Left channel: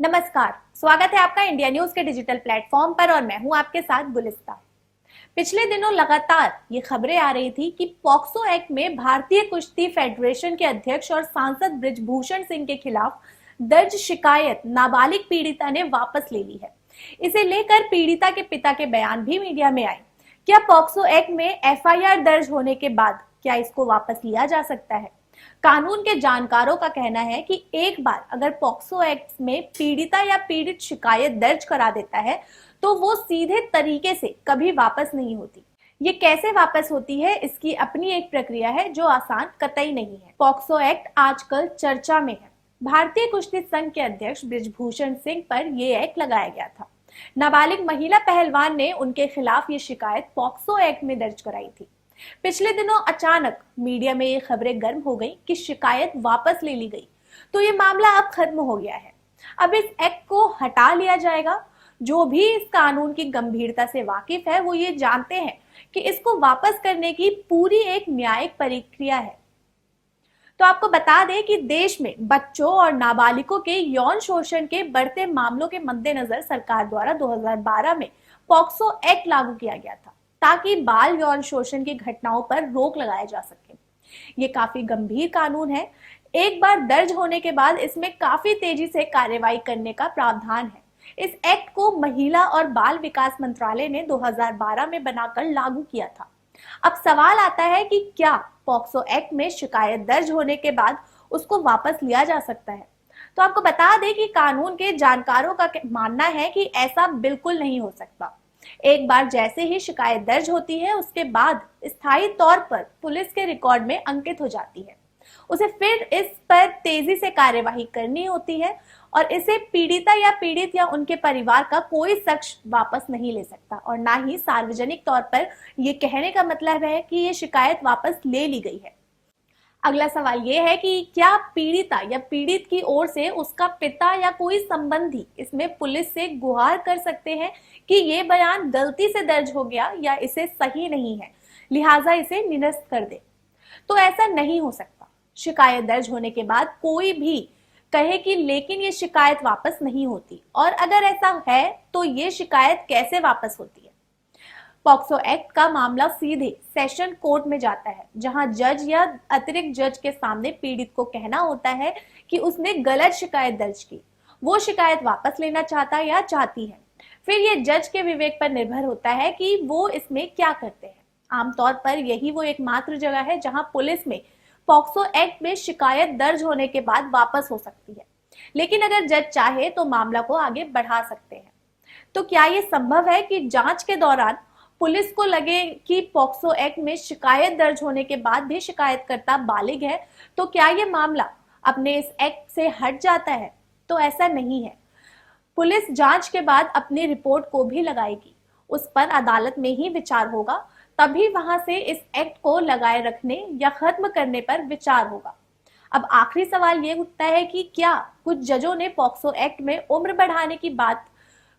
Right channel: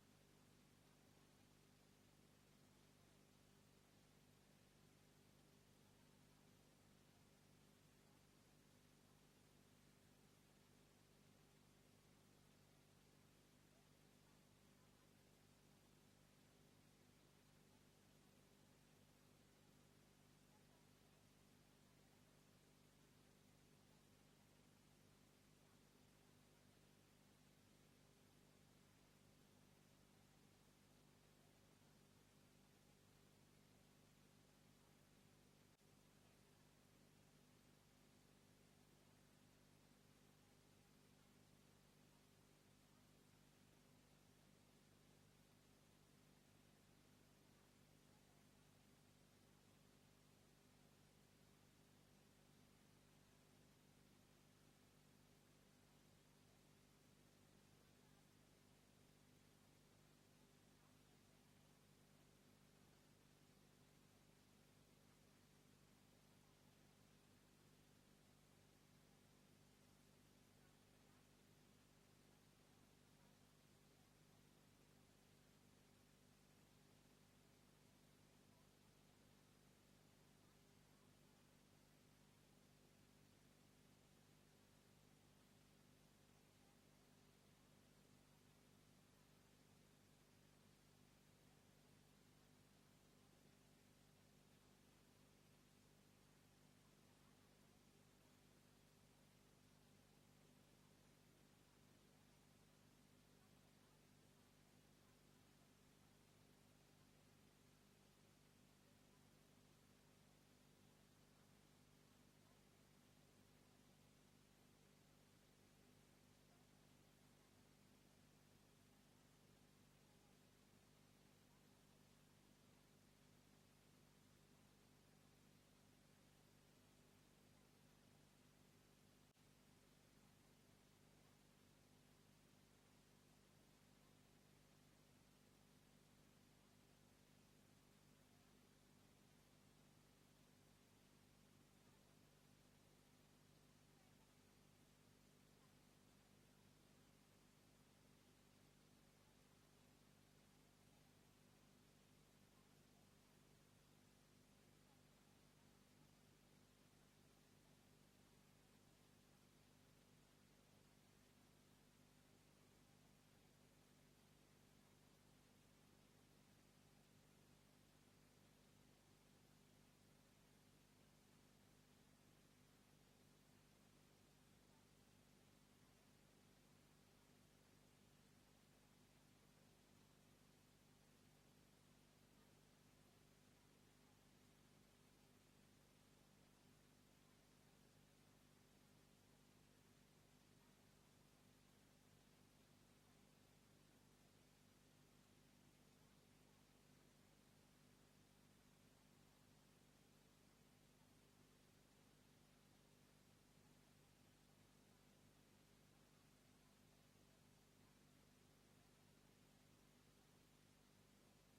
नमस्कार, स्वागत है आपका इंडिया न्यूज के डिजिटल प्लेटफॉर्म पर और मैं हूं आपके साथ गुलिस्ता। पिछले दिनों लगातार ये खबरें आ रही थी कि पॉक्सो एक्ट में भारतीय कुश्ती फेडरेशन के अध्यक्ष और सांसद बृजभूषण सिंह के खिलाफ दर्ज शिकायत नाबालिग पीड़िता ने वापस ले ली है। इसे लेकर पीड़िता के पिता के बयान भी मीडिया में आए। क्या पॉक्सो एक्ट में एफआईआर दर्ज होने के बाद क्या इसको वापस लिया जा सकता है? कानून के जानकारों का कहना है कि एक बार अगर पॉक्सो एक्ट में पीड़िता या पीड़ित शिकायत दर्ज करा देता है तो वो सीधे तरीके से कभी वापस नहीं होती। ये कैसे वापस होती है, इसकी अपनी एक प्रक्रिया है जो आसान कतई नहीं है। पॉक्सो एक्ट आजकल चर्चा में है। भारतीय कुश्ती संघ के अध्यक्ष बृजभूषण सिंह पर यह एक्ट लगाया गया था। नाबालिग महिला पहलवान ने उनके खिलाफ ये शिकायत पॉक्सो एक्ट में दर्ज कराई थी। पिछले दिनों अचानक मीडिया में ये खबरें गर्म हो गई कि शिकायत वापस ले ली गई, तो ये मामला अब खत्म हो गया है। अब इस एक्ट को हटा लिया जाएगा। जो भी इस कानून की गंभीरता से वाकिफ है वो ये जानते हैं कि इसको वापस करने की पूरी एक न्यायिक प्रक्रिया है। तो आपको बता दें कि देश में बच्चों और नाबालिगों के यौन शोषण के बढ़ते मामलों के मद्देनजर सरकार द्वारा 2012 में पॉक्सो एक्ट लागू किया गया था ताकि बाल यौन शोषण की घटनाओं पर रोक लगाया जा सके। ये काफी गंभीर कानून है। एक बार दर्ज होने के बाद इसमें काफी तेजी से कार्रवाई करने का प्रावधान है। इस एक्ट को महिला और बाल विकास मंत्रालय ने 2012 में बनाकर लागू किया था। अब सवाल आता है कि क्या पॉक्सो एक्ट में शिकायत दर्ज होने के बाद उसको वापस लिया जा सकता है? तो आपको बता दें कि कानून के जानकारों का मानना है कि ऐसा बिल्कुल नहीं हो सकता। एक बार जैसे ही शिकायत दर्ज होती है उसके बाद स्थायी तौर पर पुलिस के रिकॉर्ड में अंकित हो जाती है। उसे फिर इस पर तेजी से कार्यवाही करनी होती है और इसे पीड़िता या पीड़ित या उनके परिवार का कोई शख्स वापस नहीं ले सकता और ना ही सार्वजनिक तौर पर यह कहने का मतलब है कि ये शिकायत वापस ले ली गई है। अगला सवाल ये है कि क्या पीड़िता या पीड़ित की ओर से उसका पिता या कोई संबंधी इसमें पुलिस से गुहार कर सकते हैं कि ये बयान गलती से दर्ज हो गया या इसे सही नहीं है, लिहाजा इसे निरस्त कर दे? तो ऐसा नहीं हो सकता। शिकायत दर्ज होने के बाद कोई भी कहे कि लेकिन ये शिकायत वापस नहीं होती, और अगर ऐसा है तो ये शिकायत कैसे वापस होती है? पॉक्सो एक्ट का मामला सीधे सेशन कोर्ट में जाता है, जहां जज या अतिरिक्त जज के सामने पीड़ित को कहना होता है कि उसने गलत शिकायत दर्ज की, वो शिकायत वापस लेना चाहता या चाहती है। फिर ये जज के विवेक पर निर्भर होता है कि वो इसमें क्या करते हैं। आमतौर पर यही वो एकमात्र जगह है जहां पुलिस में पॉक्सो एक्ट में शिकायत दर्ज होने के बाद वापस हो सकती है, लेकिन अगर जज चाहे तो मामला को आगे बढ़ा सकते हैं। तो क्या ये संभव है कि जांच के दौरान पुलिस को लगे कि पॉक्सो एक्ट में शिकायत दर्ज होने के बाद भी शिकायतकर्ता बालिग है, तो क्या ये मामला अपने इस एक्ट से हट जाता है? तो ऐसा नहीं है। पुलिस जांच के बाद अपनी रिपोर्ट को भी लगाएगी, उस पर अदालत में ही विचार होगा, तभी वहां से इस एक्ट को लगाए रखने या खत्म करने पर विचार होगा। अब आखिरी सवाल ये उठता है कि क्या कुछ जजों ने पॉक्सो एक्ट में उम्र बढ़ाने की बात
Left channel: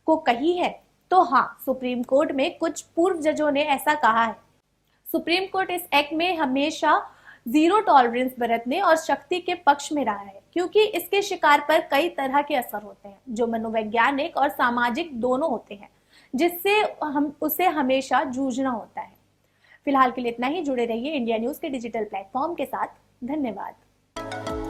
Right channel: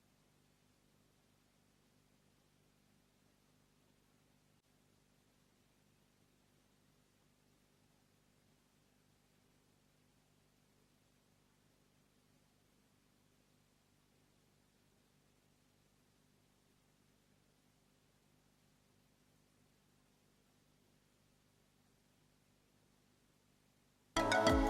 को कही है? तो हाँ, सुप्रीम कोर्ट में कुछ पूर्व जजों ने ऐसा कहा है। सुप्रीम कोर्ट इस एक्ट में हमेशा जीरो टॉलरेंस बरतने और शक्ति के पक्ष में रहा है, क्योंकि इसके शिकार पर कई तरह के असर होते हैं जो मनोवैज्ञानिक और सामाजिक दोनों होते हैं, जिससे हम उसे हमेशा जूझना होता है। फिलहाल के लिए इतना ही। जुड़े रहिए इंडिया न्यूज के डिजिटल प्लेटफॉर्म के साथ। धन्यवाद।